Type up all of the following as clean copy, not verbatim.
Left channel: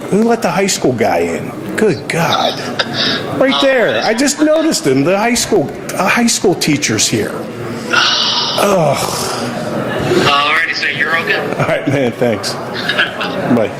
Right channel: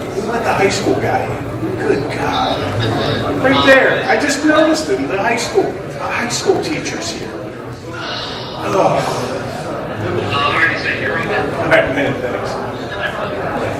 He let the high school guy in. Good God. Right there. I just noticed him. The high school teacher's here. Oh. Alrighty, so you're okay? All right, man, thanks. Bye.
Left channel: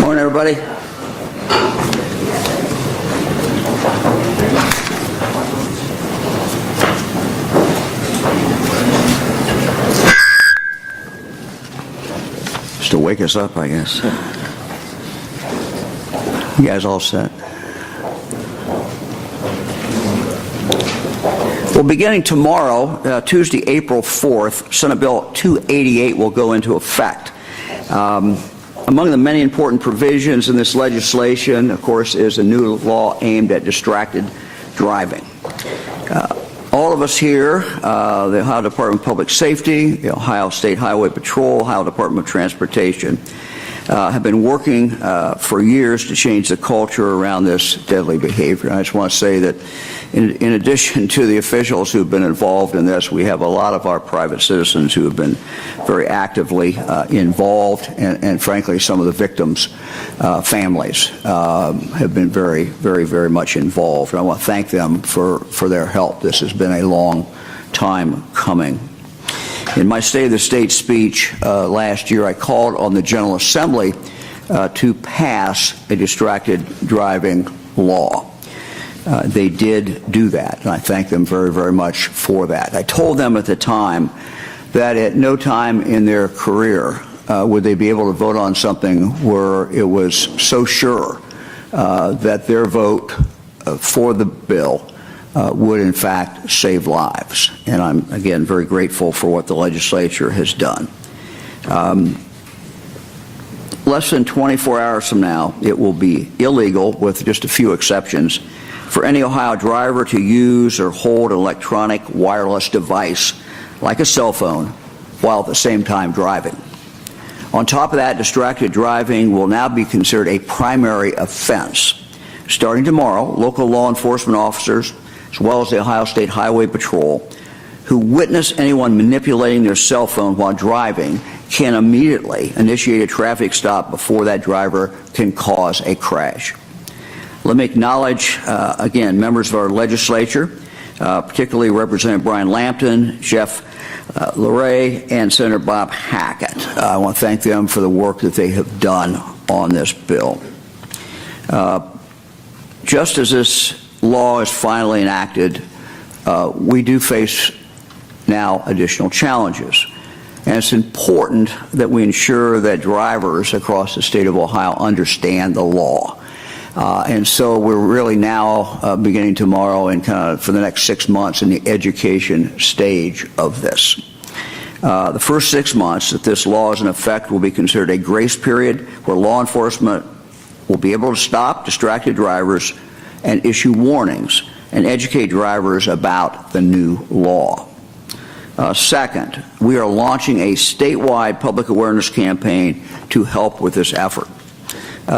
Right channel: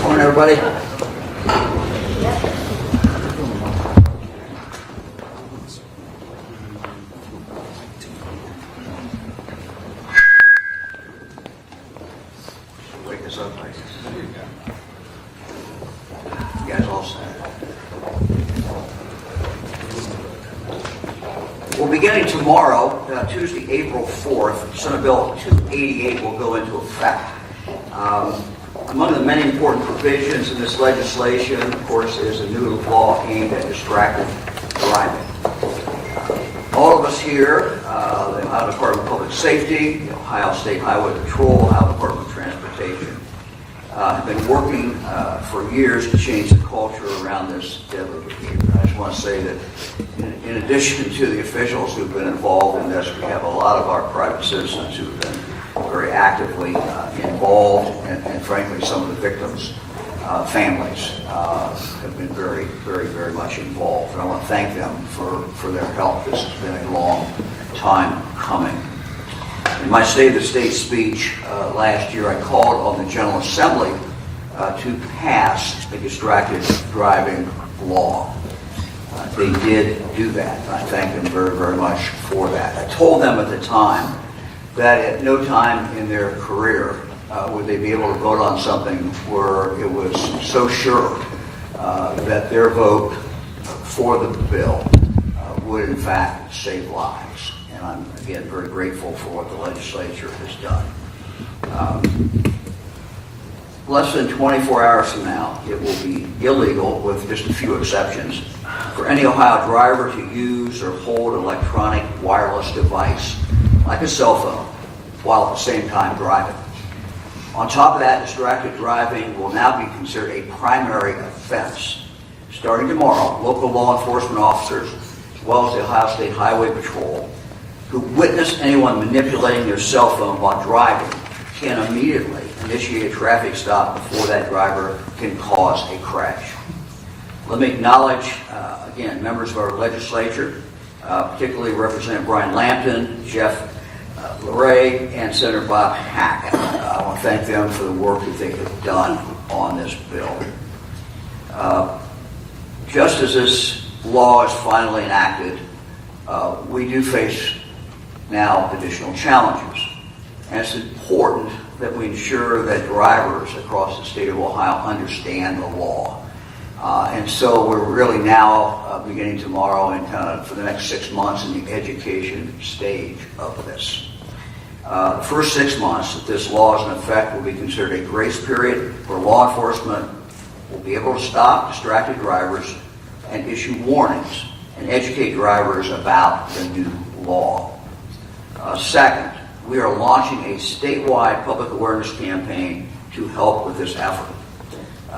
Morning, everybody. wake us up, I guess. You guys all set? Well, beginning tomorrow, Tuesday, April 4th, Senate Bill 288 will go into effect. Among the many important provisions in this legislation, of course, is a new law aimed at distracted driving. All of us here, the Ohio Department of Public Safety, the Ohio State Highway Patrol, Ohio Department of Transportation, have been working for years to change the culture around this deadly behavior. I just want to say that in addition to the officials who have been involved in this, we have a lot of our private citizens who have been very actively involved, and frankly, some of the victims' families have been very, very, very much involved. And I want to thank them for their help. This has been a long time coming. In my State of the State speech last year, I called on the General Assembly to pass a distracted driving law. They did do that, and I thank them very, very much for that. I told them at the time that at no time in their career would they be able to vote on something where it was so sure that their vote for the bill would in fact save lives. And I'm, again, very grateful for what the legislature has done. Less than 24 hours from now, it will be illegal, with just a few exceptions, for any Ohio driver to use or hold an electronic wireless device, like a cell phone, while at the same time driving. On top of that, distracted driving will now be considered a primary offense. Starting tomorrow, local law enforcement officers, as well as the Ohio State Highway Patrol, who witness anyone manipulating their cell phone while driving can immediately initiate a traffic stop before that driver can cause a crash. Let me acknowledge, again, members of our legislature, particularly Representative Brian Lampton, Jeff Luray, and Senator Bob Hackett. I want to thank them for the work that they have done on this bill. Just as this law is finally enacted, we do face now additional challenges. And it's important that we ensure that drivers across the state of Ohio understand the law. And so we're really now beginning tomorrow and kind of for the next 6 months in the education stage of this. The first 6 months that this law is in effect will be considered a grace period where law enforcement will be able to stop distracted drivers and issue warnings and educate drivers about the new law. Second, we are launching a statewide public awareness campaign to help with this effort.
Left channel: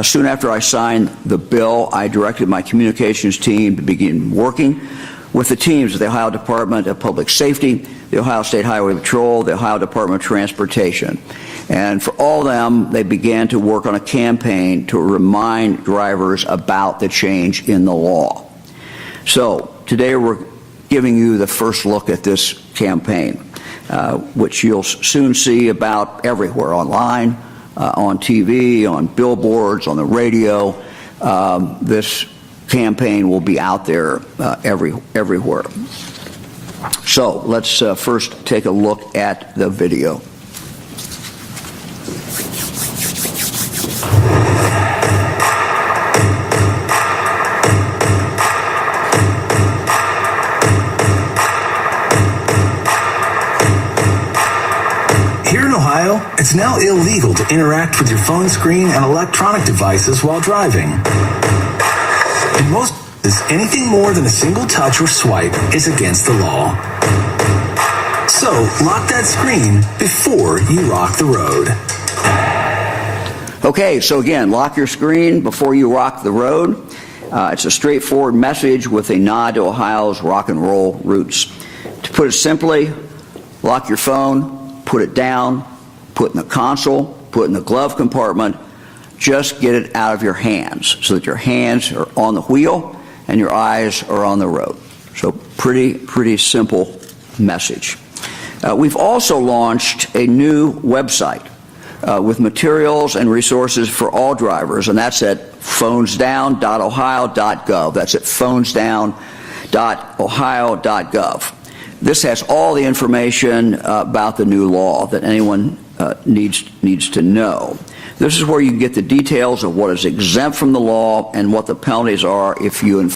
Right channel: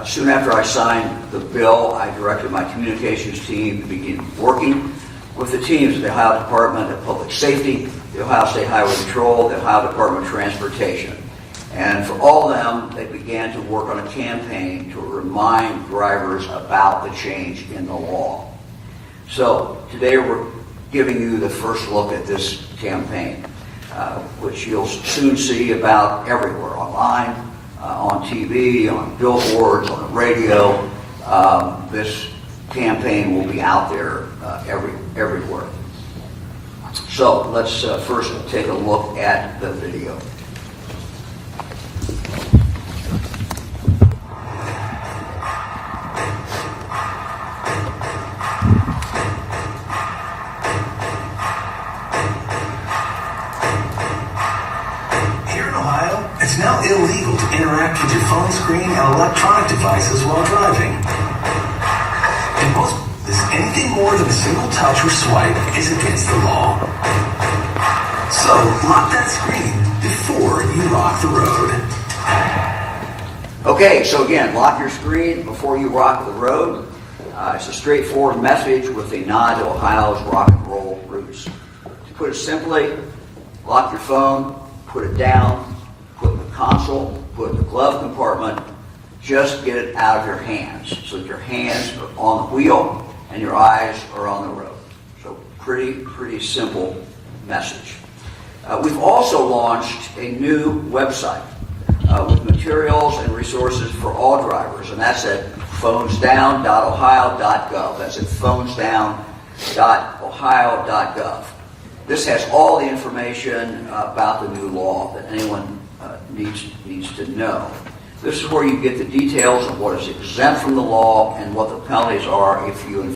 Soon after I signed the bill, I directed my communications team to begin working with the teams of the Ohio Department of Public Safety, the Ohio State Highway Patrol, the Ohio Department of Transportation. And for all of them, they began to work on a campaign to remind drivers about the change in the law. So today we're giving you the first look at this campaign, which you'll soon see about everywhere, online, on TV, on billboards, on the radio. This campaign will be out there everywhere. So let's first take a look at the video. It's now illegal to interact with your phone screen and electronic devices while driving. In most cases, anything more than a single touch or swipe is against the law. So, lock that screen before you rock the road. Okay, so again, lock your screen before you rock the road. It's a straightforward message with a nod to Ohio's rock and roll roots. To put it simply, lock your phone, put it down, put it in the console, put it in the glove compartment. Just get it out of your hands so that your hands are on the wheel and your eyes are on the road. So pretty simple message. We've also launched a new website with materials and resources for all drivers, and that's at phonesdown.ohio.gov. That's at phonesdown.ohio.gov. This has all the information about the new law that anyone needs to know. This is where you get the details of what is exempt from the law and what the penalties are if you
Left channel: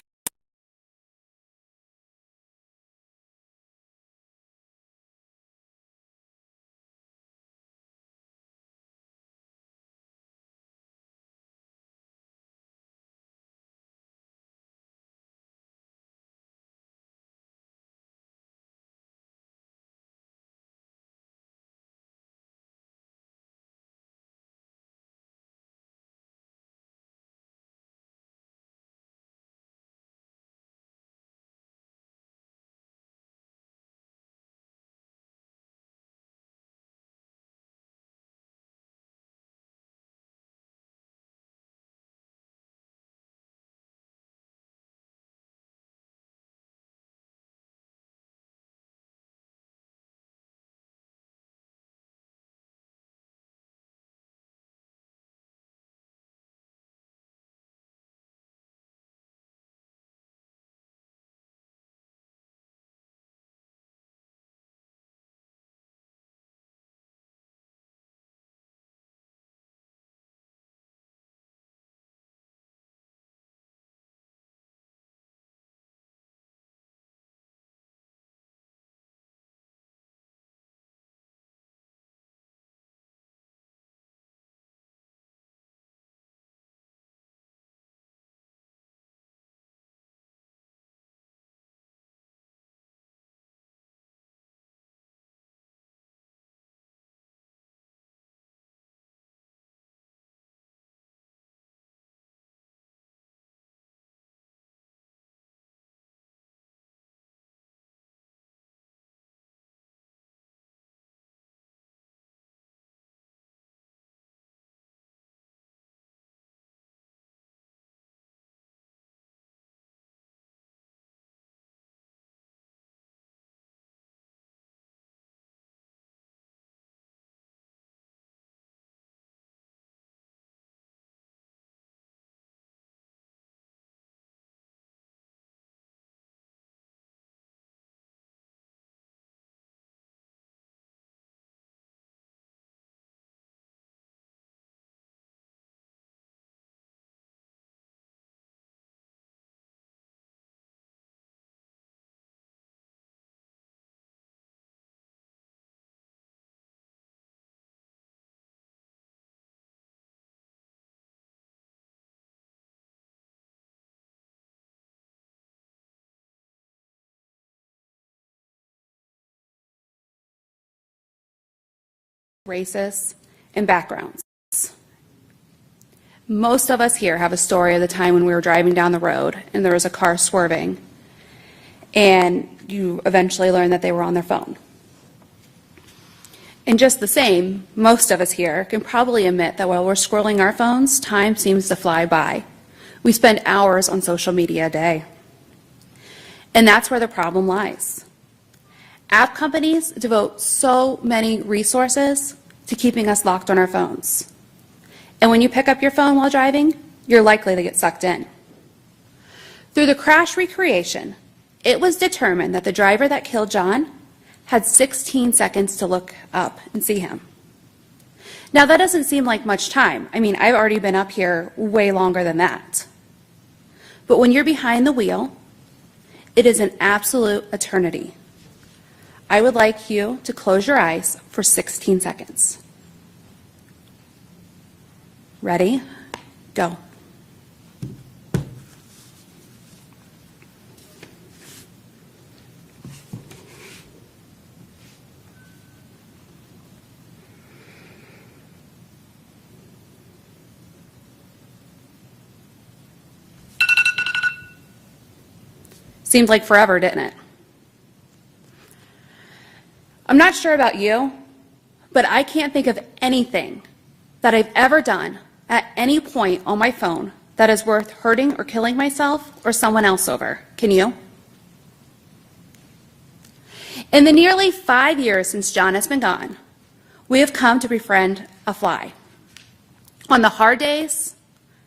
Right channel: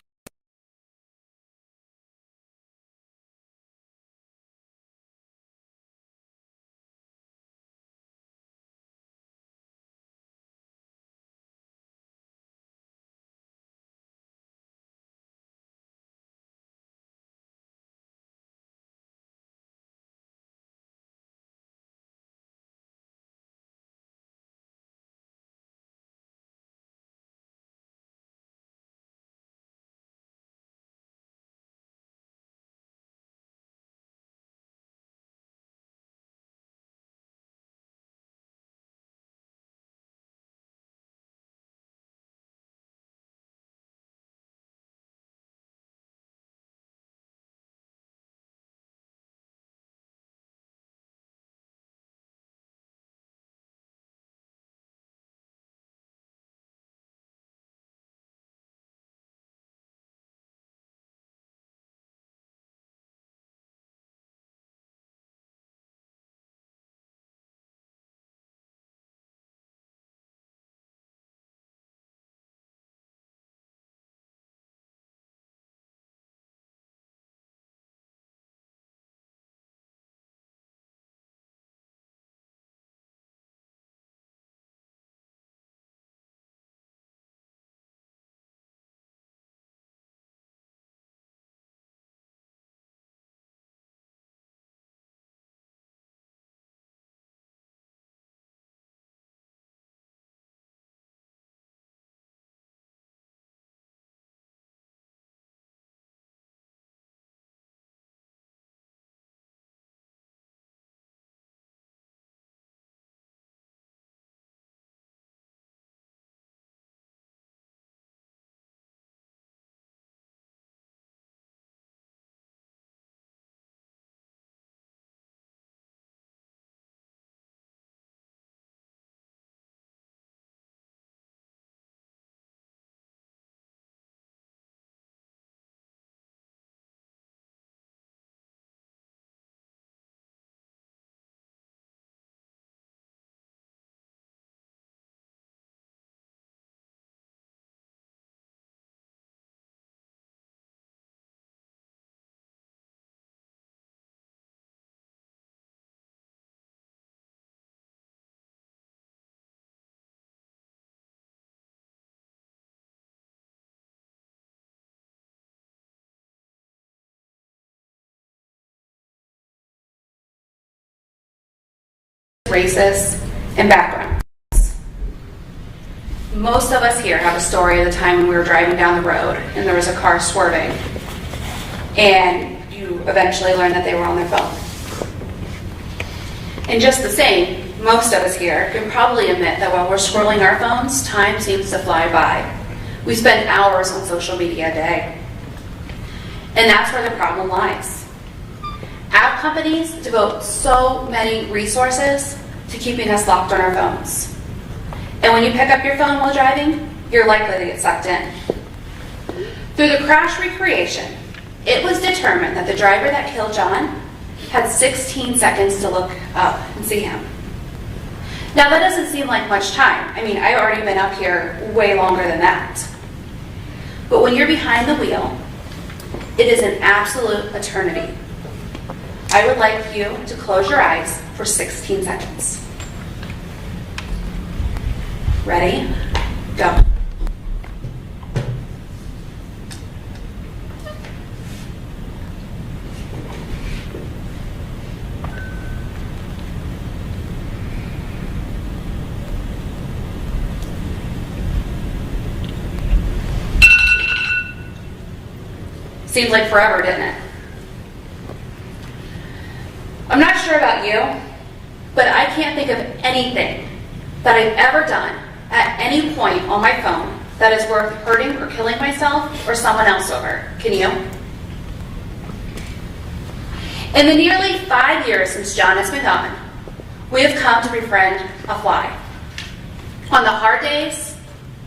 races, and backgrounds. Most of us here have a story of the time when we were driving down the road and there was a car swerving, and you eventually learn that they were on their phone. And just the same, most of us here can probably admit that while we're scrolling our phones, time seems to fly by. We spend hours on social media a day. And that's where the problem lies. App companies devote so many resources to keeping us locked on our phones. And when you pick up your phone while driving, you're likely to get sucked in. Through the crash recreation, it was determined that the driver that killed John had 16 seconds to look up and see him. Now that doesn't seem like much time. I mean, I've already been up here way longer than that. But when you're behind the wheel, it is an absolute eternity. I would like you to close your eyes for 16 seconds. Ready? Go. Seemed like forever, didn't it? I'm not sure about you, but I can't think of anything that I've ever done at any point on my phone that is worth hurting or killing myself or someone else over. Can you? In the nearly 5 years since John has been gone, we have come to befriend a fly. On the hard days,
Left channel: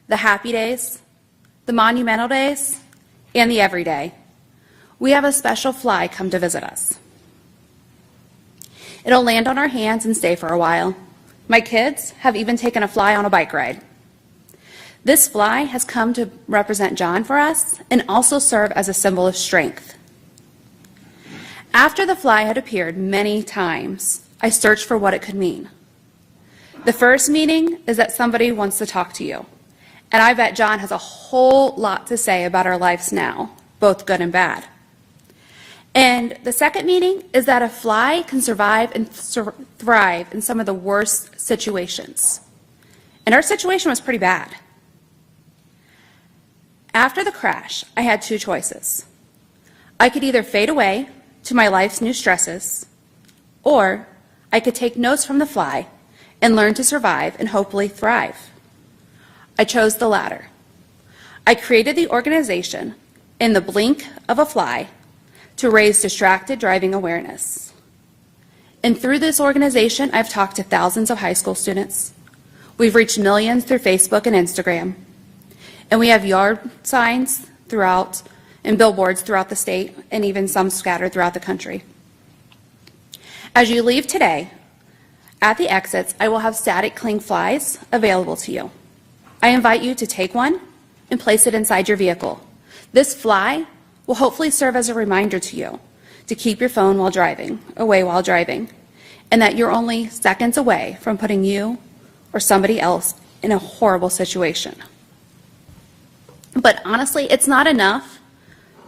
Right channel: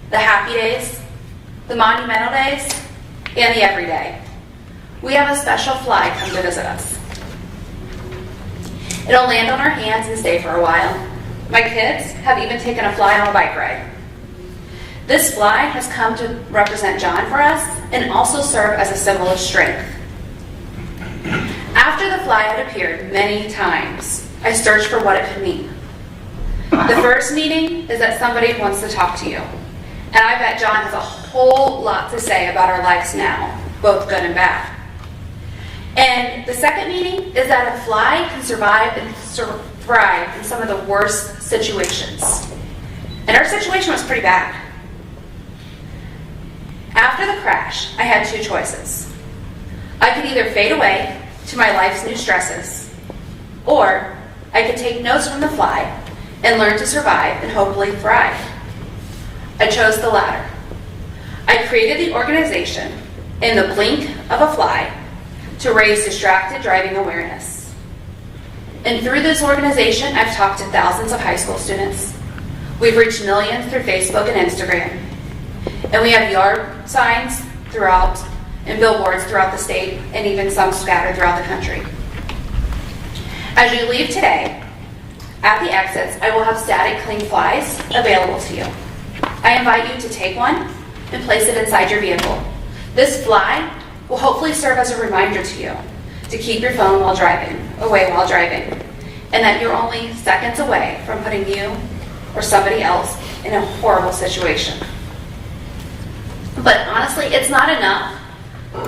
the happy days, the monumental days, and the everyday, we have a special fly come to visit us. It'll land on our hands and stay for a while. My kids have even taken a fly on a bike ride. This fly has come to represent John for us and also serve as a symbol of strength. After the fly had appeared many times, I searched for what it could mean. The first meaning is that somebody wants to talk to you. And I bet John has a whole lot to say about our lives now, both good and bad. And the second meaning is that a fly can survive and thrive in some of the worst situations. And our situation was pretty bad. After the crash, I had two choices. I could either fade away to my life's new stresses, or I could take notes from the fly and learn to survive and hopefully thrive. I chose the latter. I created the organization in the blink of a fly to raise distracted driving awareness. And through this organization, I've talked to thousands of high school students. We've reached millions through Facebook and Instagram. And we have yard signs throughout and billboards throughout the state and even some scattered throughout the country. As you leave today, at the exits, I will have static clean flies available to you. I invite you to take one and place it inside your vehicle. This fly will hopefully serve as a reminder to you to keep your phone away while driving, and that you're only seconds away from putting you or somebody else in a horrible situation. But honestly, it's not enough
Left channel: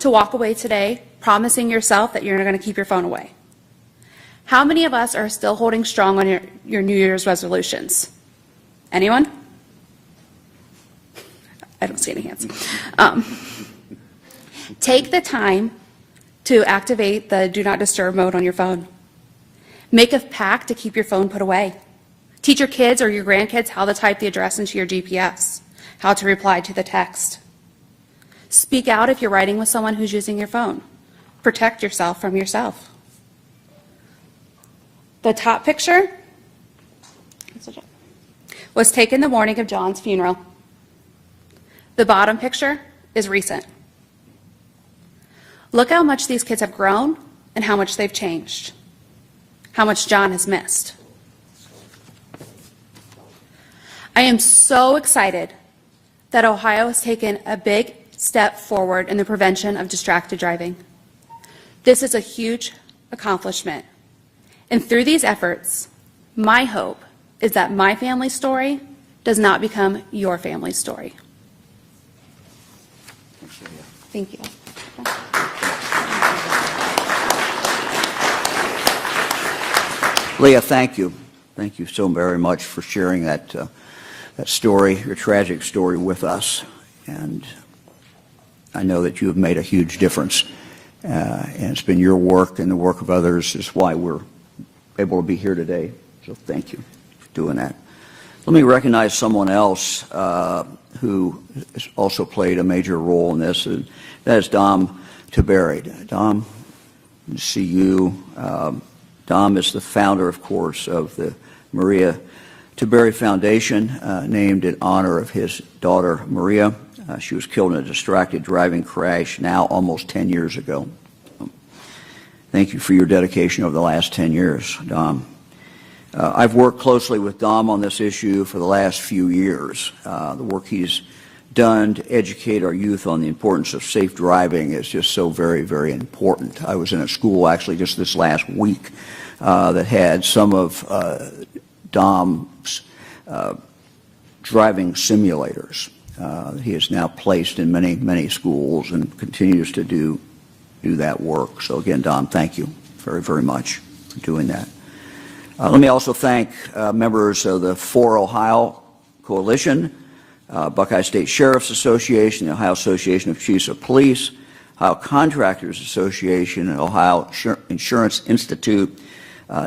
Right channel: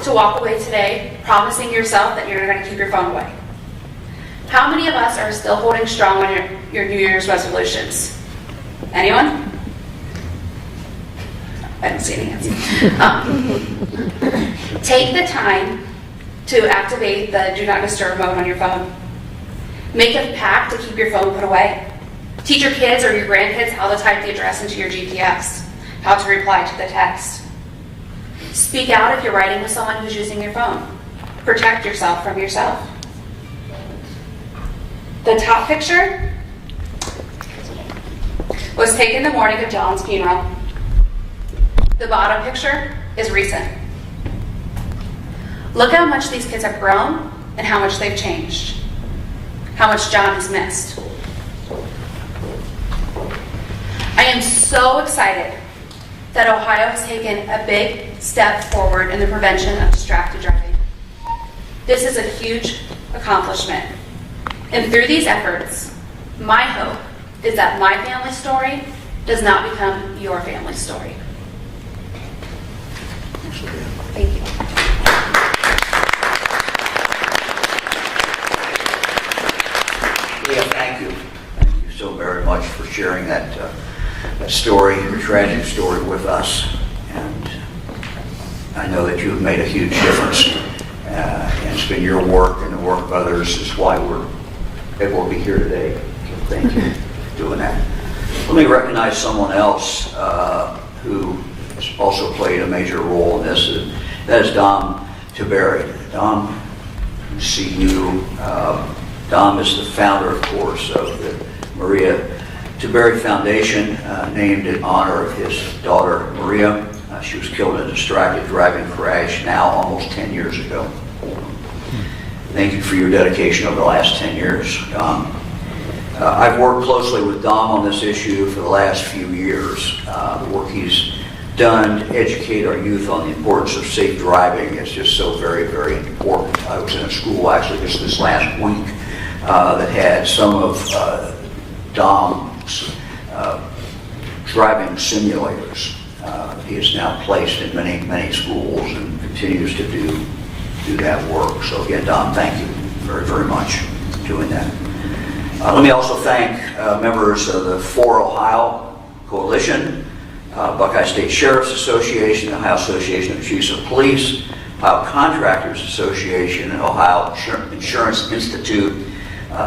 to walk away today promising yourself that you're going to keep your phone away. How many of us are still holding strong on your New Year's resolutions? Anyone? I don't see any hands. Take the time to activate the Do Not Disturb mode on your phone. Make a pact to keep your phone put away. Teach your kids or your grandkids how to type the address into your GPS, how to reply to the text. Speak out if you're writing with someone who's using your phone. Protect yourself from yourself. The top picture was taken the morning of John's funeral. The bottom picture is recent. Look how much these kids have grown and how much they've changed. How much John has missed. I am so excited that Ohio has taken a big step forward in the prevention of distracted driving. This is a huge accomplishment. And through these efforts, my hope is that my family story does not become your family story. Thank you. Leah, thank you. Thank you so very much for sharing that story, your tragic story with us. And I know that you have made a huge difference. And it's been your work and the work of others is why we're able to be here today. So thank you for doing that. Let me recognize someone else who has also played a major role in this. That is Dom Tiberi. Dom, I see you. Dom is the founder, of course, of the Maria Tiberi Foundation, named in honor of his daughter, Maria. She was killed in a distracted driving crash now almost 10 years ago. Thank you for your dedication over the last 10 years, Dom. I've worked closely with Dom on this issue for the last few years. The work he's done to educate our youth on the importance of safe driving is just so very, very important. I was in a school actually just this last week that had some of Dom's driving simulators. He is now placed in many, many schools and continues to do that work. So again, Dom, thank you very, very much for doing that. Let me also thank members of the For Ohio Coalition, Buckeye State Sheriff's Association, the Ohio Association of Chiefs of Police, Ohio Contractors Association, and Ohio Insurance Institute,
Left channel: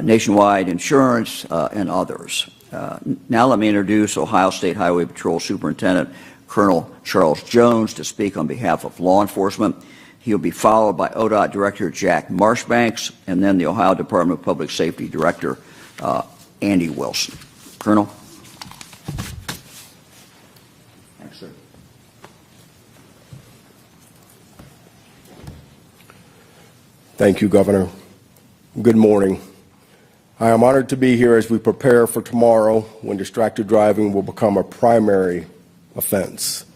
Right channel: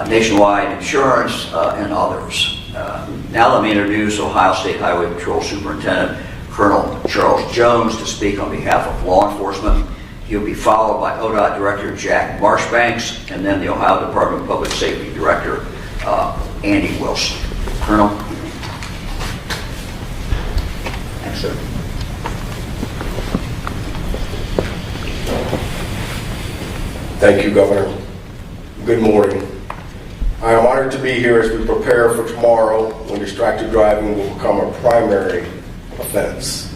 Nationwide Insurance, and others. Now let me introduce Ohio State Highway Patrol Superintendent Colonel Charles Jones to speak on behalf of law enforcement. He'll be followed by ODOT Director Jack Marshbanks, and then the Ohio Department of Public Safety Director Andy Wilson. Colonel. Thanks, sir. Thank you, Governor. Good morning. I am honored to be here as we prepare for tomorrow when distracted driving will become a primary offense,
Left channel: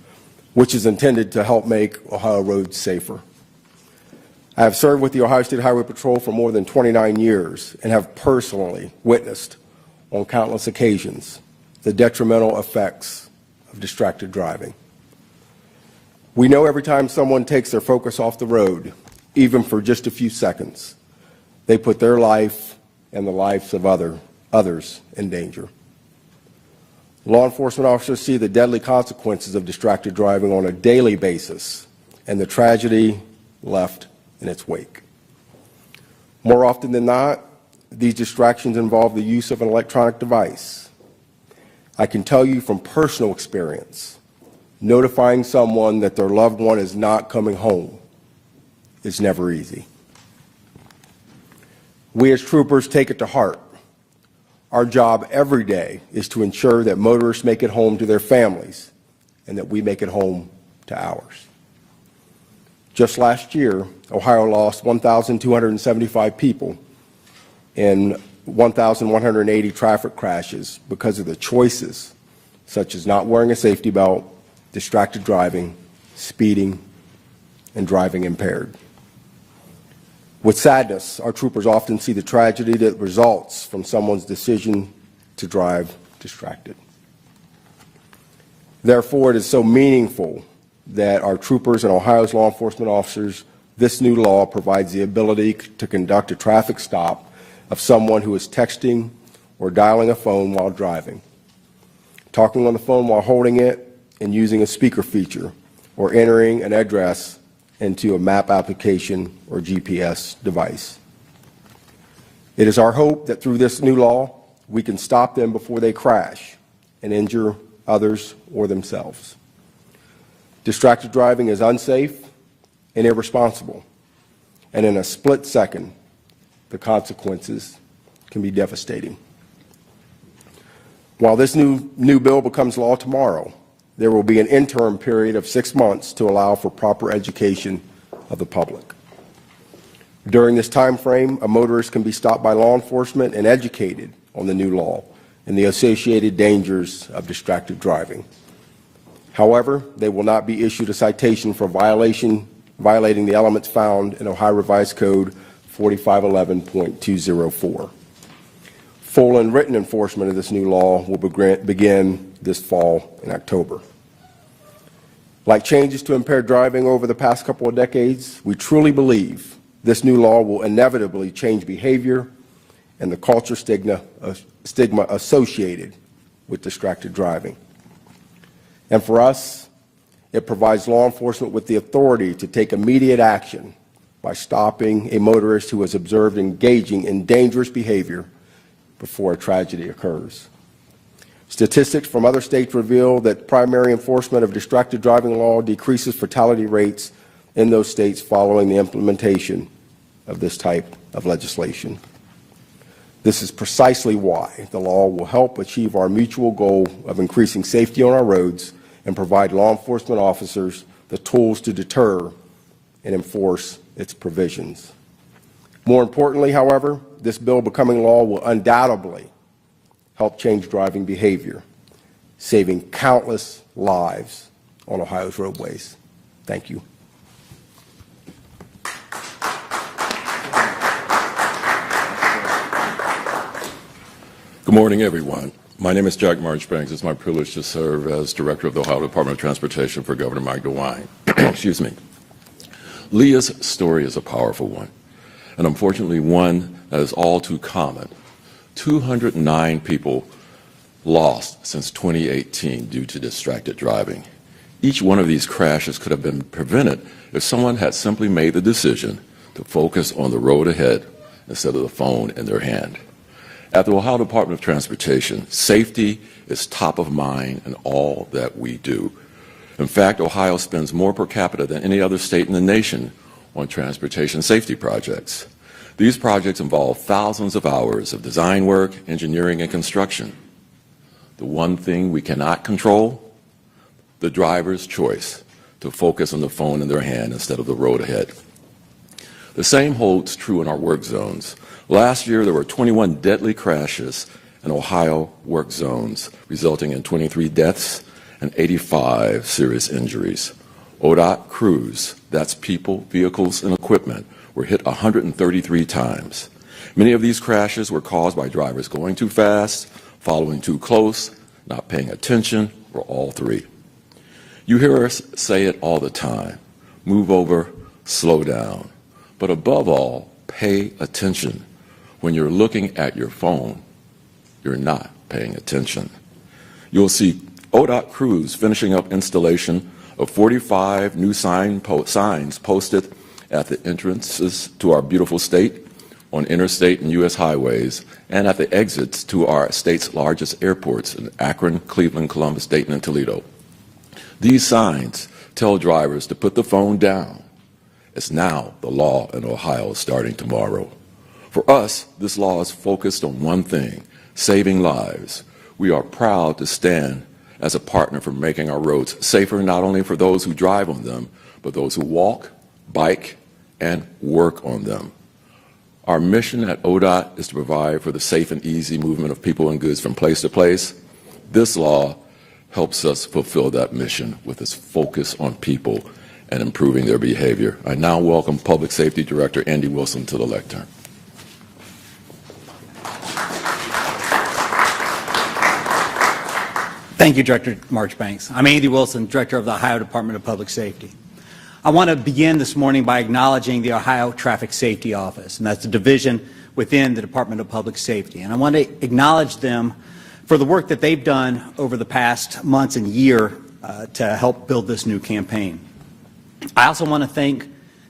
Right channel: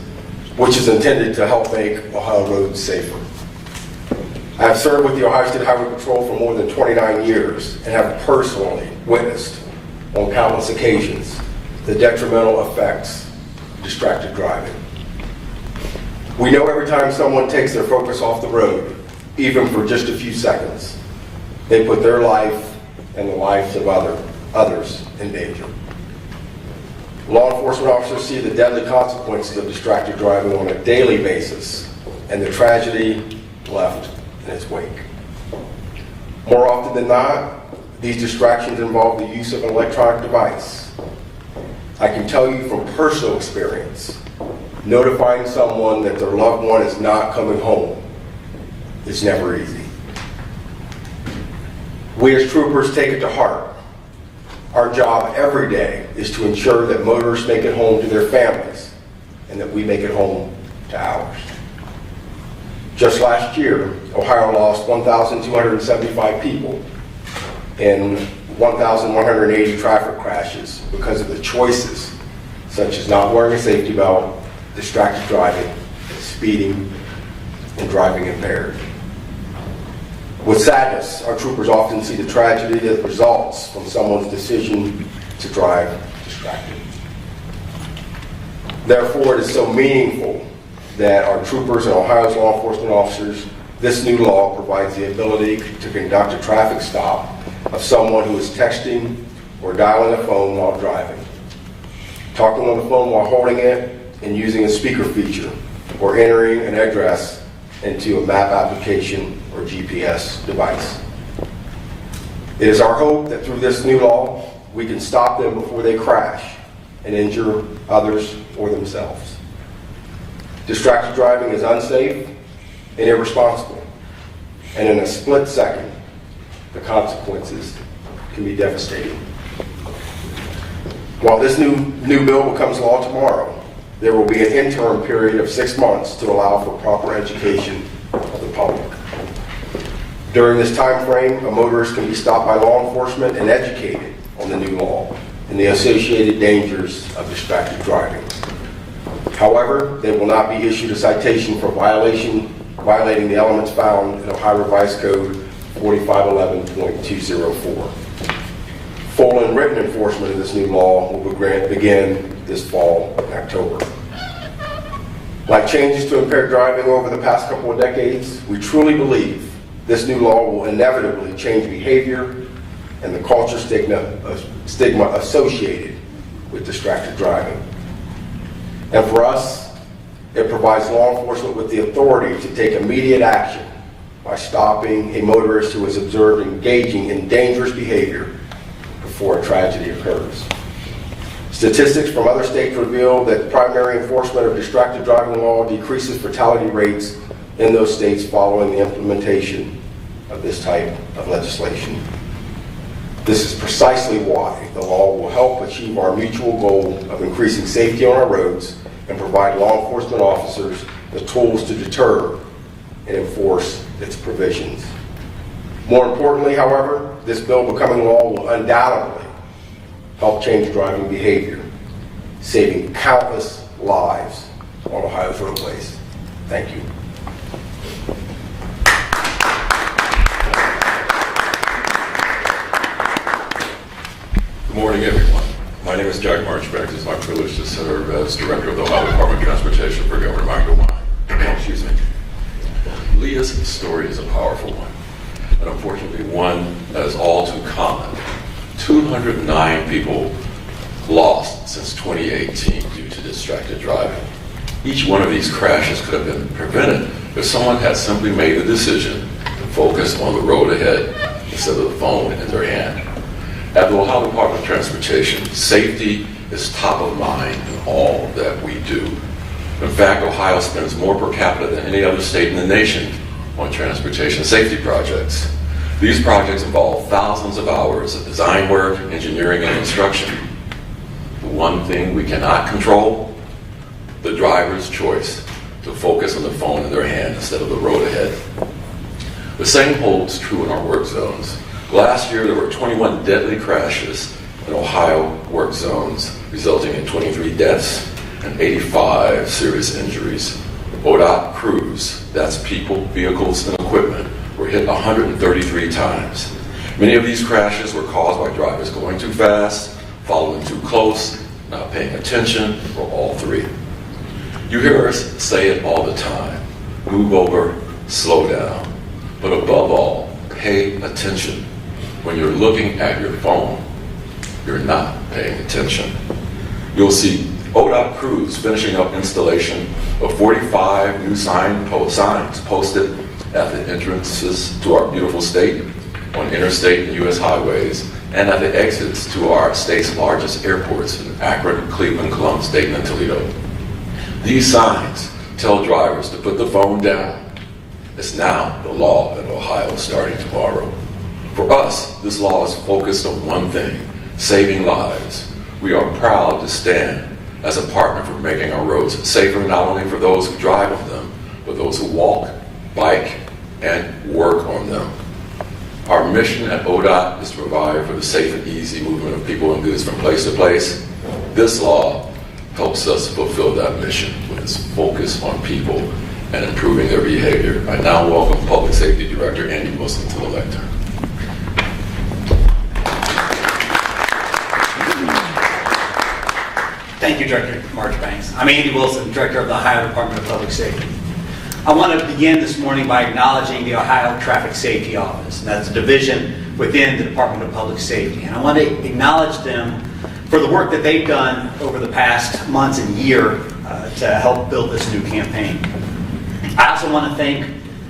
which is intended to help make Ohio roads safer. I have served with the Ohio State Highway Patrol for more than 29 years and have personally witnessed on countless occasions the detrimental effects of distracted driving. We know every time someone takes their focus off the road, even for just a few seconds, they put their life and the lives of others in danger. Law enforcement officers see the deadly consequences of distracted driving on a daily basis and the tragedy left in its wake. More often than not, these distractions involve the use of an electronic device. I can tell you from personal experience, notifying someone that their loved one is not coming home is never easy. We as troopers take it to heart. Our job every day is to ensure that motorists make it home to their families and that we make it home to ours. Just last year, Ohio lost 1,275 people in 1,180 traffic crashes because of the choices such as not wearing a safety belt, distracted driving, speeding, and driving impaired. With sadness, our troopers often see the tragedy that results from someone's decision to drive distracted. Therefore, it is so meaningful that our troopers and Ohio's law enforcement officers, this new law provides the ability to conduct a traffic stop of someone who is texting or dialing a phone while driving, talking on the phone while holding it, and using a speaker feature, or entering an address into a map application or GPS device. It is our hope that through this new law, we can stop them before they crash and injure others or themselves. Distracted driving is unsafe and irresponsible, and in a split second, the consequences can be devastating. While this new bill becomes law tomorrow, there will be an interim period of 6 months to allow for proper education of the public. During this time frame, a motorist can be stopped by law enforcement and educated on the new law and the associated dangers of distracted driving. However, they will not be issued a citation for violating the elements found in Ohio Revised Code 4511.204. Full and written enforcement of this new law will begin this fall in October. Like changes to impaired driving over the past couple of decades, we truly believe this new law will inevitably change behavior and the culture stigma associated with distracted driving. And for us, it provides law enforcement with the authority to take immediate action by stopping a motorist who is observed engaging in dangerous behavior before a tragedy occurs. Statistics from other states reveal that primary enforcement of distracted driving law decreases fatality rates in those states following the implementation of this type of legislation. This is precisely why the law will help achieve our mutual goal of increasing safety on our roads and provide law enforcement officers the tools to deter and enforce its provisions. More importantly, however, this bill becoming law will undoubtedly help change driving behavior, saving countless lives on Ohio's roadways. Thank you. Good morning, everyone. My name is Jack Marchbanks. It's my privilege to serve as Director of the Ohio Department of Transportation for Governor Mike DeWine. Excuse me. Leah's story is a powerful one, and unfortunately one that is all too common. 209 people lost since 2018 due to distracted driving. Each one of these crashes could have been prevented if someone had simply made the decision to focus on the road ahead instead of the phone in their hand. At the Ohio Department of Transportation, safety is top of mind in all that we do. In fact, Ohio spends more per capita than any other state in the nation on transportation safety projects. These projects involve thousands of hours of design work, engineering, and construction. The one thing we cannot control, the driver's choice to focus on the phone in their hand instead of the road ahead. The same holds true in our work zones. Last year, there were 21 deadly crashes in Ohio work zones, resulting in 23 deaths and 85 serious injuries. ODOT crews, that's people, vehicles, and equipment, were hit 133 times. Many of these crashes were caused by drivers going too fast, following too close, not paying attention, or all three. You hear us say it all the time: move over, slow down. But above all, pay attention. When you're looking at your phone, you're not paying attention. You'll see ODOT crews finishing up installation of 45 new signs posted at the entrances to our beautiful state, on interstate and U.S. highways, and at the exits to our state's largest airports in Akron, Cleveland, Columbus, Dayton, and Toledo. These signs tell drivers to put the phone down. It's now the law in Ohio starting tomorrow. For us, this law is focused on one thing: saving lives. We are proud to stand as a partner for making our roads safer, not only for those who drive on them, but those who walk, bike, and work on them. Our mission at ODOT is to provide for the safe and easy movement of people and goods from place to place. This law helps us fulfill that mission with its focus on people and improving their behavior. I now welcome Public Safety Director Andy Wilson to the lectern. Thank you, Director Marchbanks. I'm Andy Wilson, Director of the Ohio Department of Public Safety. I want to begin this morning by acknowledging the Ohio Traffic Safety Office, and that's a division within the Department of Public Safety. And I want to acknowledge them for the work that they've done over the past months and year to help build this new campaign. I also want to thank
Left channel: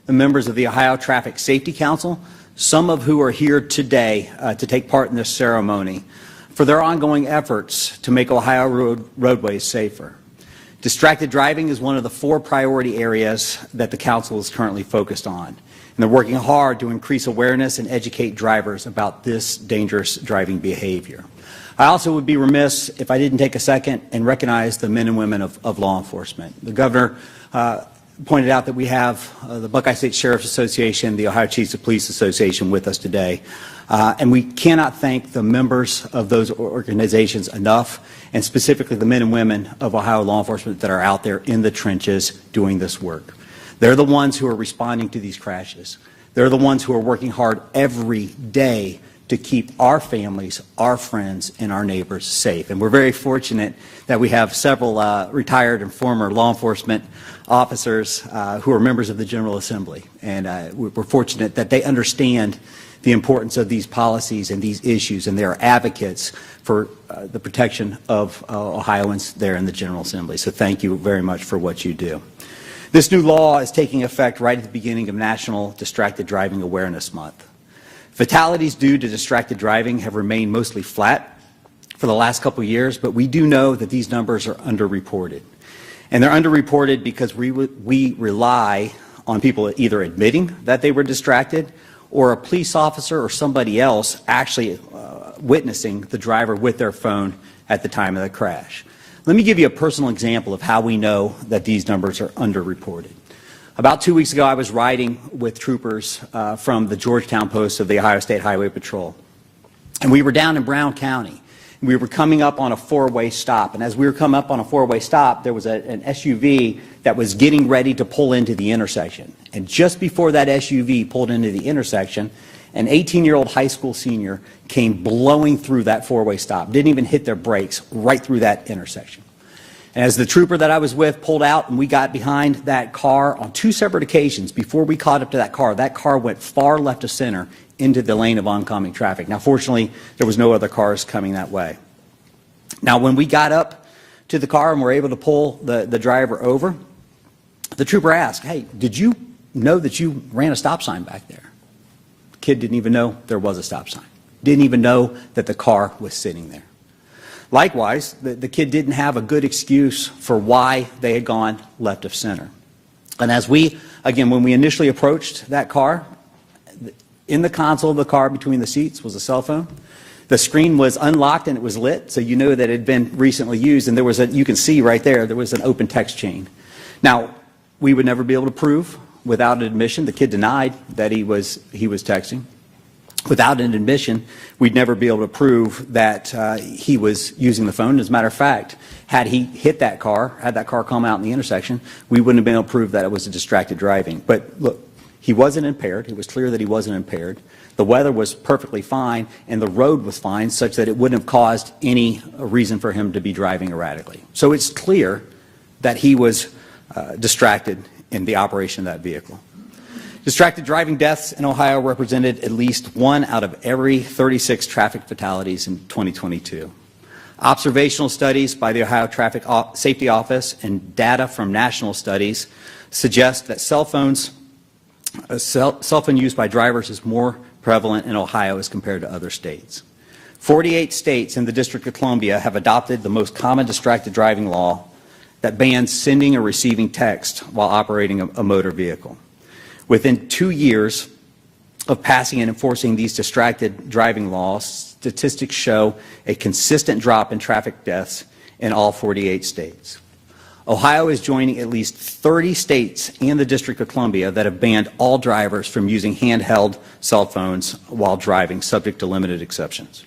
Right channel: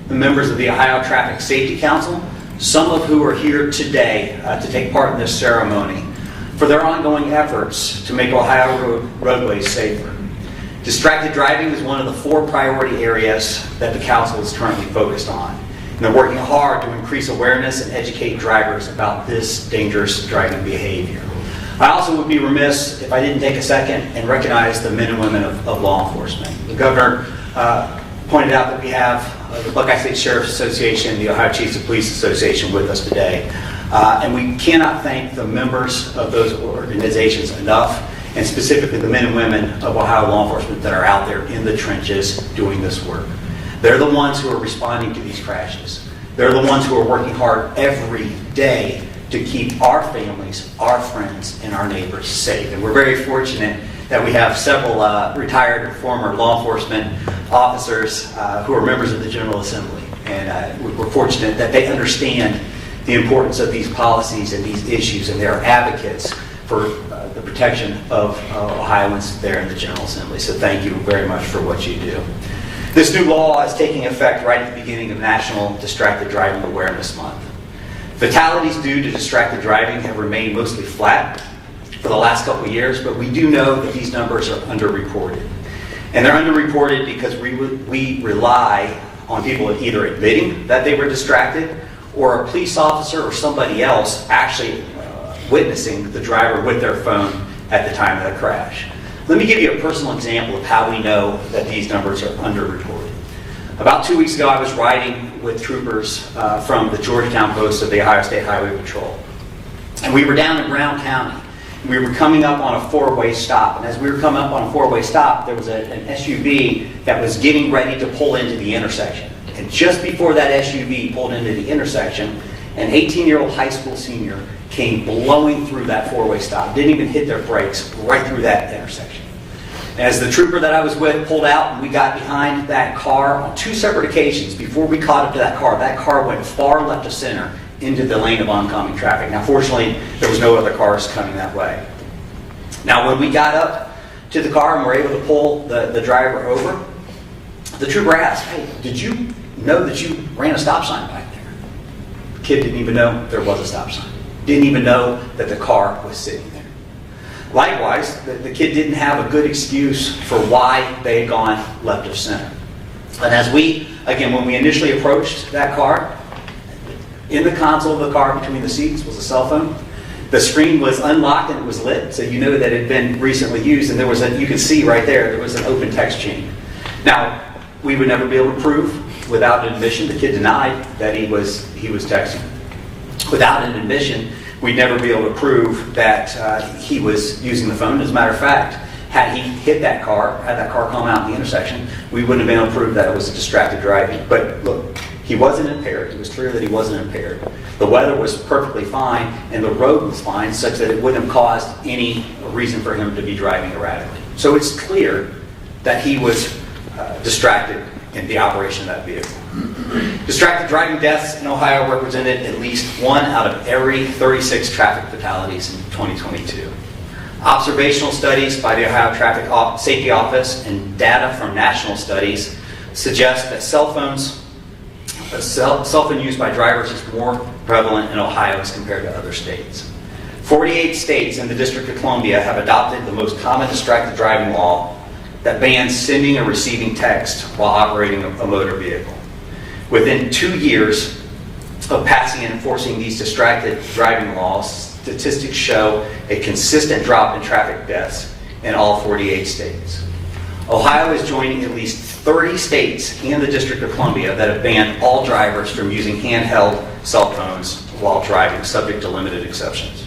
the members of the Ohio Traffic Safety Council, some of who are here today to take part in this ceremony, for their ongoing efforts to make Ohio roadways safer. Distracted driving is one of the 4 priority areas that the council is currently focused on. And they're working hard to increase awareness and educate drivers about this dangerous driving behavior. I also would be remiss if I didn't take a second and recognize the men and women of law enforcement. The governor pointed out that we have the Buckeye State Sheriff's Association, the Ohio Chiefs of Police Association with us today. And we cannot thank the members of those organizations enough, and specifically the men and women of Ohio law enforcement that are out there in the trenches doing this work. They're the ones who are responding to these crashes. They're the ones who are working hard every day to keep our families, our friends, and our neighbors safe. And we're very fortunate that we have several retired and former law enforcement officers who are members of the General Assembly. And we're fortunate that they understand the importance of these policies and these issues, and they're advocates for the protection of Ohioans there in the General Assembly. So thank you very much for what you do. This new law is taking effect right at the beginning of National Distracted Driving Awareness Month. Fatalities due to distracted driving have remained mostly flat for the last couple of years, but we do know that these numbers are underreported. And they're underreported because we rely on people either admitting that they were distracted, or a police officer or somebody else actually witnessing the driver with their phone at the time of the crash. Let me give you a personal example of how we know that these numbers are underreported. About 2 weeks ago, I was riding with troopers from the Georgetown post of the Ohio State Highway Patrol. And we were down in Brown County. We were coming up on a 4-way stop. And as we were coming up on a 4-way stop, there was an SUV that was getting ready to pull into the intersection. And just before that SUV pulled into the intersection, an 18-year-old high school senior came blowing through that 4-way stop, didn't even hit their brakes, right through that intersection. As the trooper that I was with pulled out and we got behind that car on 2 separate occasions, before we caught up to that car went far left of center into the lane of oncoming traffic. Now, fortunately, there was no other cars coming that way. Now, when we got up to the car and were able to pull the driver over, the trooper asked, "Hey, did you know that you ran a stop sign back there?" The kid didn't even know there was a stop sign. Didn't even know that the car was sitting there. Likewise, the kid didn't have a good excuse for why they had gone left of center. And as when we initially approached that car, in the console of the car between the seats was a cell phone. The screen was unlocked and it was lit, so you know that it had been recently used, and you could see right there was an open text chain. Now, we would never be able to prove without an admission. The kid denied that he was texting. Without an admission, we'd never be able to prove that he was using the phone. As a matter of fact, had he hit that car, had that car come out in the intersection, we wouldn't have been able to prove that it was distracted driving. But look, he wasn't impaired. It was clear that he wasn't impaired. The weather was perfectly fine, and the road was fine, such that it wouldn't have caused any reason for him to be driving erratically. So it's clear that he was distracted in the operation of that vehicle. Distracted driving deaths in Ohio represented at least 1 out of every 36 traffic fatalities in 2022. Observational studies by the Ohio Traffic Safety Office and data from national studies suggest that cell phone use by drivers is more prevalent in Ohio as compared to other states. 48 states in the District of Columbia have adopted the most common distracted driving law that bans sending or receiving text while operating a motor vehicle. Within 2 years of passing and enforcing these distracted driving laws, statistics show a consistent drop in traffic deaths in all 48 states. Ohio is joining at least 30 states in the District of Columbia that have banned all drivers from using handheld cell phones while driving, subject to limited exceptions.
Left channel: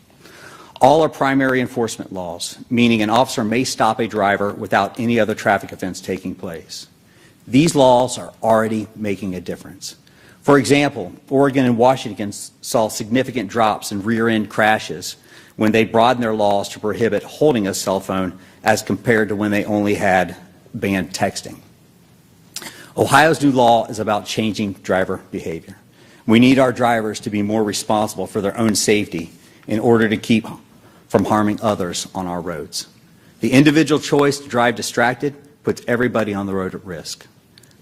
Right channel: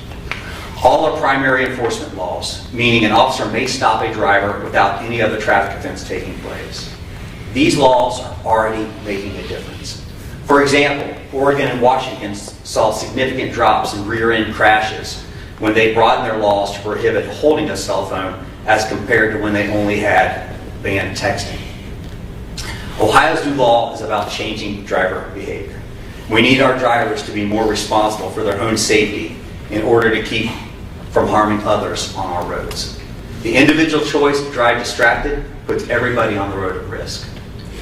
All are primary enforcement laws, meaning an officer may stop a driver without any other traffic offense taking place. These laws are already making a difference. For example, Oregon and Washington saw significant drops in rear-end crashes when they broadened their laws to prohibit holding a cell phone as compared to when they only had banned texting. Ohio's new law is about changing driver behavior. We need our drivers to be more responsible for their own safety in order to keep from harming others on our roads. The individual choice to drive distracted puts everybody on the road at risk.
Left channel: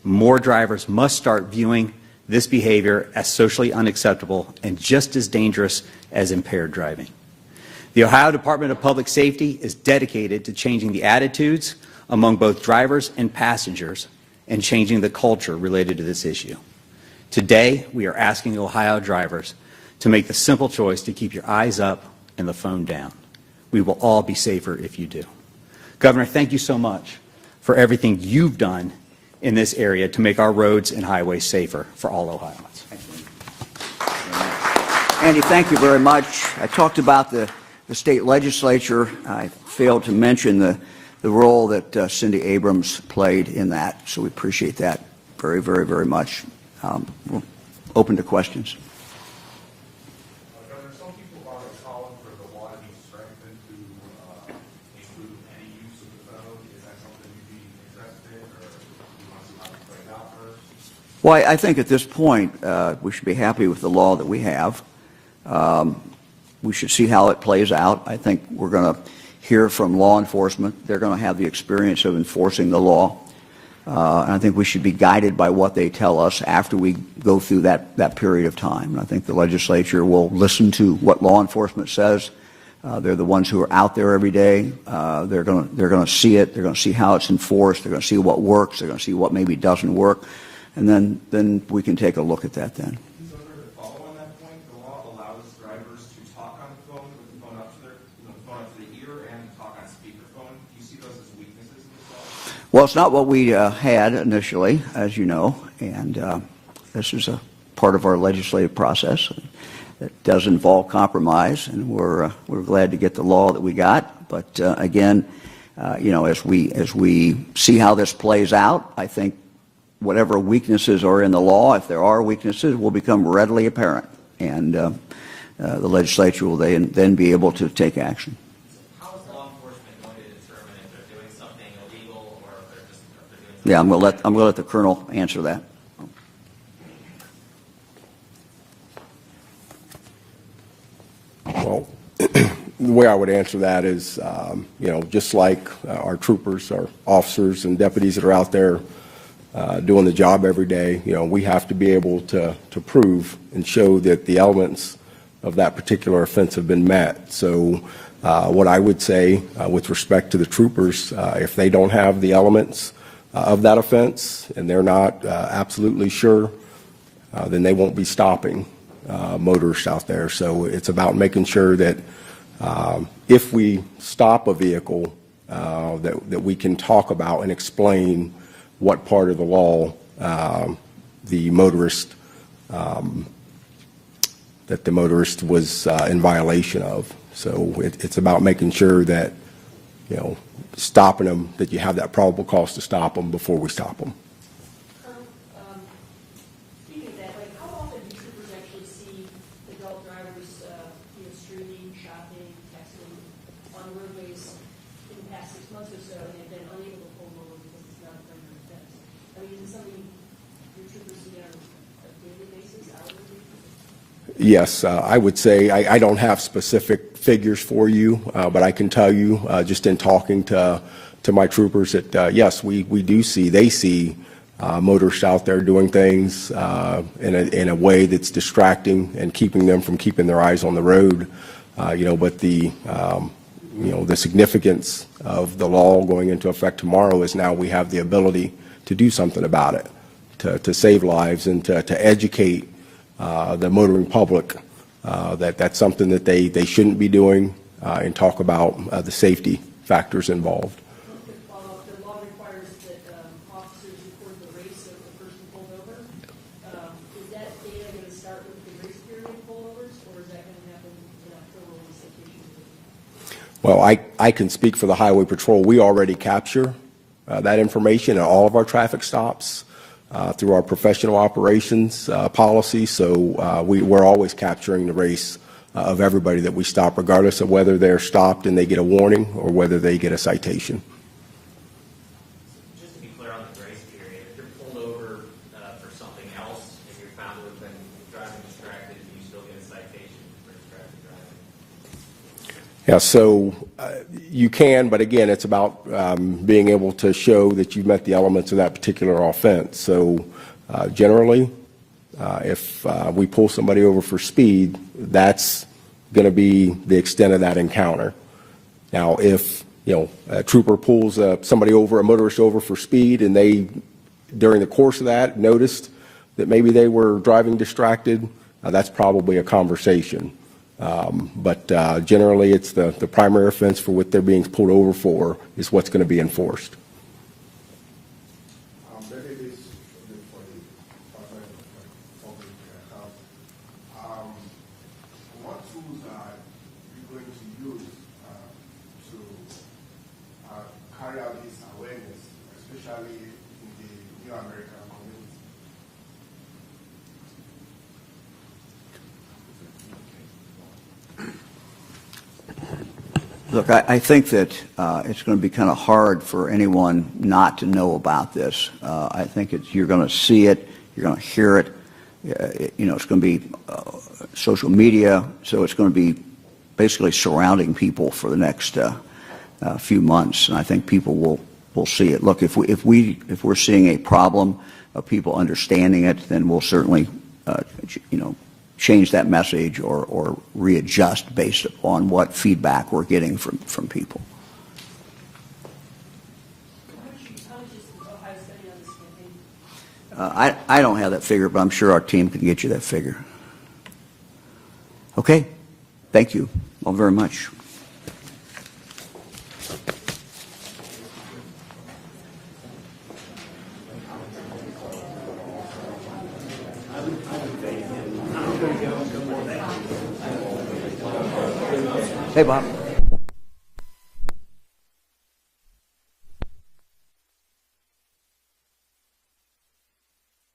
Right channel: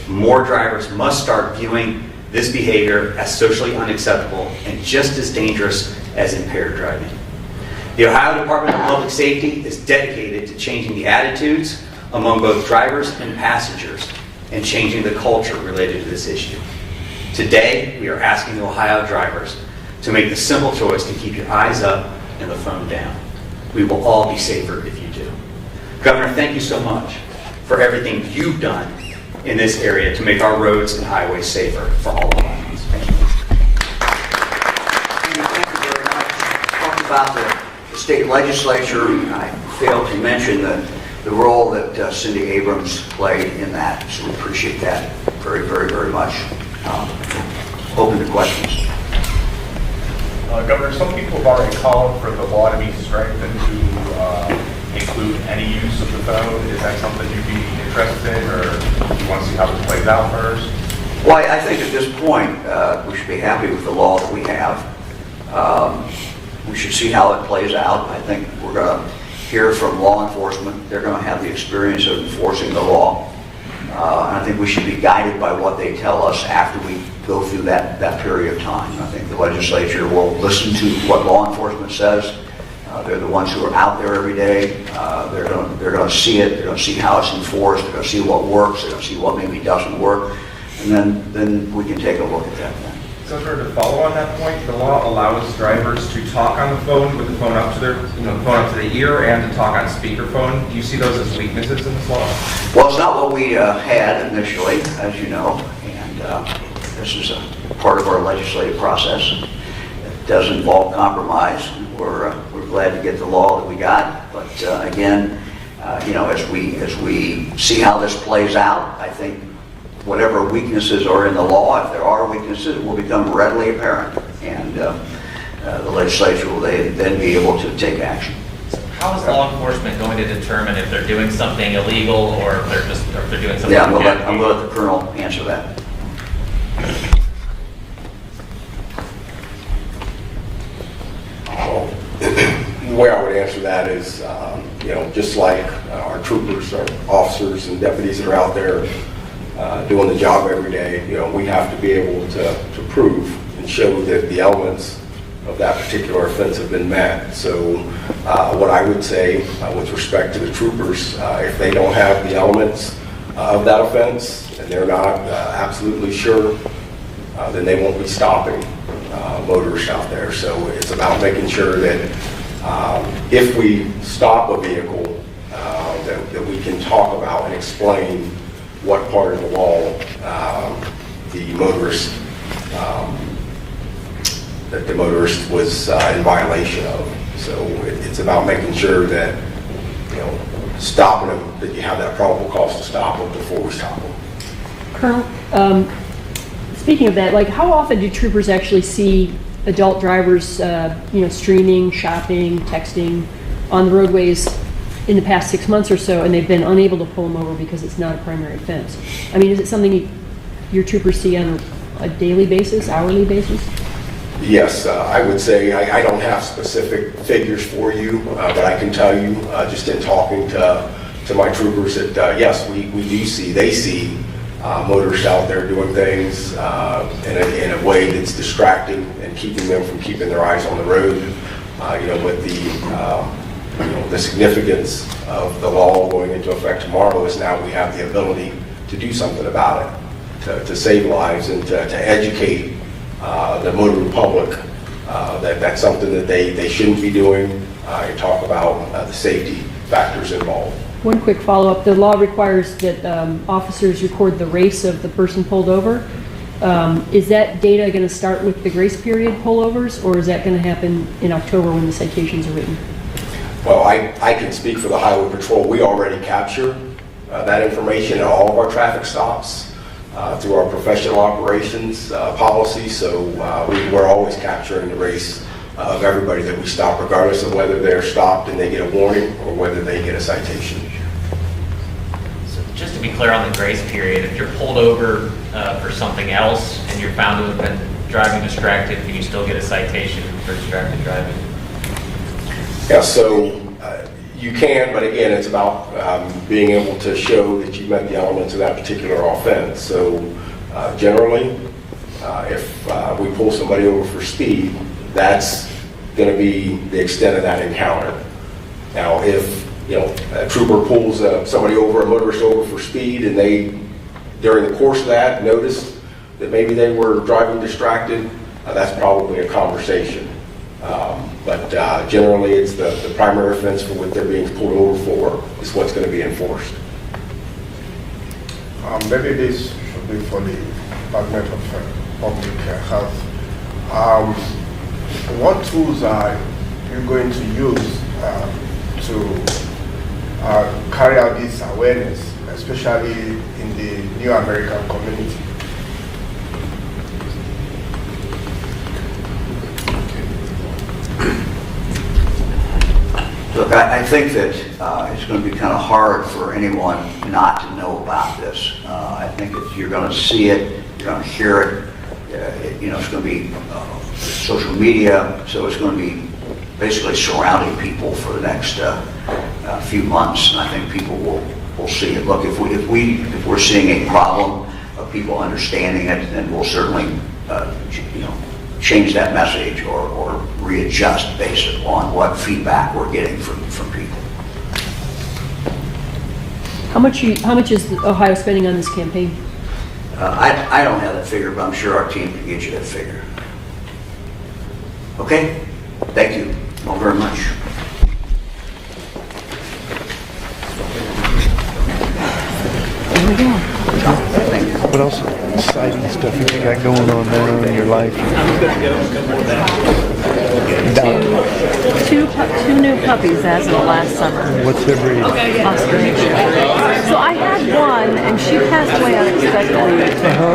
More drivers must start viewing this behavior as socially unacceptable and just as dangerous as impaired driving. The Ohio Department of Public Safety is dedicated to changing the attitudes among both drivers and passengers and changing the culture related to this issue. Today, we are asking the Ohio drivers to make the simple choice to keep your eyes up and the phone down. We will all be safer if you do. Governor, thank you so much for everything you've done in this area to make our roads and highways safer for all Ohioans. Thank you. Andy, thank you very much. I talked about the state legislature. I failed to mention the role that Cindy Abrams played in that, so we appreciate that very, very, very much. Open to questions. Governor, some people have already called for the law to be strengthened to include any use of the phone. Is that something you'd be interested in, or do you want to see how this plays out first? Well, I think at this point we should be happy with the law that we have. We should see how it plays out. I think we're going to hear from law enforcement. They're going to have the experience of enforcing the law. And I think we should be guided by what they tell us after we go through that period of time. I think the legislature will listen to what law enforcement says. They're the ones who are out there every day. They're going to see it. They're going to see how it's enforced. They're going to see what works. They're going to see what maybe doesn't work. And then we can take a look at that then. So to follow on that point, the law allows drivers to talk on the phone with the phone up to their, the phone up to the ear, and to talk on speakerphone. Do you see those as weaknesses in this law? Well, it's not what we had initially, as you know, and this is a part of our legislative process. It does involve compromise, and we're glad to get the law that we got. But again, as we see how this plays out, I think whatever weaknesses are in the law, if there are weaknesses, will become readily apparent, and the legislature will then be able to take action. How is law enforcement going to determine if they're doing something illegal or if they're doing something? Yeah, I'm going to let the colonel answer that. The way I would answer that is, just like our troopers, our officers and deputies that are out there doing the job every day, we have to be able to prove and show that the elements of that particular offense have been met. So what I would say with respect to the troopers, if they don't have the elements of that offense and they're not absolutely sure, then they won't be stopping motorists out there. So it's about making sure that if we stop a vehicle, that we can talk about and explain what part of the law the motorist that the motorist was in violation of. So it's about making sure that, stopping them, that you have that probable cause to stop them before we stop them. Colonel, speaking of that, like how often do troopers actually see adult drivers, streaming, shopping, texting on the roadways in the past 6 months or so, and they've been unable to pull them over because it's not a primary offense? I mean, is it something your troopers see on a daily basis, hourly basis? Yes, I would say I don't have specific figures for you, but I can tell you, just in talking to my troopers, that yes, they see motorists out there doing things in a way that's distracting and keeping them from keeping their eyes on the road. But the significance of the law going into effect tomorrow is now we have the ability to do something about it, to save lives and to educate the motoring public that's something that they shouldn't be doing, and talk about the safety factors involved. One quick follow-up. The law requires that officers record the race of the person pulled over. Is that data going to start with the grace period pullovers, or is that going to happen in October when the citations are written? Well, I can speak for the Highway Patrol. We already capture that information at all of our traffic stops through our professional operations policy. So we're always capturing the race of everybody that we stop, regardless of whether they're stopped and they get a warning or whether they get a citation. So just to be clear on the grace period, if you're pulled over for something else and you're found to have been driving distracted, can you still get a citation for distracted driving? Yeah, so you can, but again, it's about being able to show that you met the elements of that particular offense. So generally, if we pull somebody over for speed, that's going to be the extent of that encounter. Now, if a trooper pulls somebody over, a motorist over for speed, and they, during the course of that, noticed that maybe they were driving distracted, that's probably a conversation. But generally, it's the primary offense for what they're being pulled over for is what's going to be enforced. Maybe this should be for the Department of Public Health. What tools are you going to use to carry out this awareness, especially in the New American community? Look, I think that it's going to be kind of hard for anyone not to know about this. I think that you're going to see it, you're going to hear it. It's going to be social media, so it's going to be basically surrounding people for the next few months, and I think people will see it. Look, if we're seeing a problem of people understanding it, then we'll certainly change that message or readjust based on what feedback we're getting from people. How much is Ohio spending on this campaign? I don't have that figure, but I'm sure our team can get you that figure. Okay? Thank you all very much. There we go. What else exciting stuff have you got going on now in your life? I'm going to go a couple of that. Two new puppies as of last summer. What's their breed? Australian. So I had one, and she passed away unexpectedly.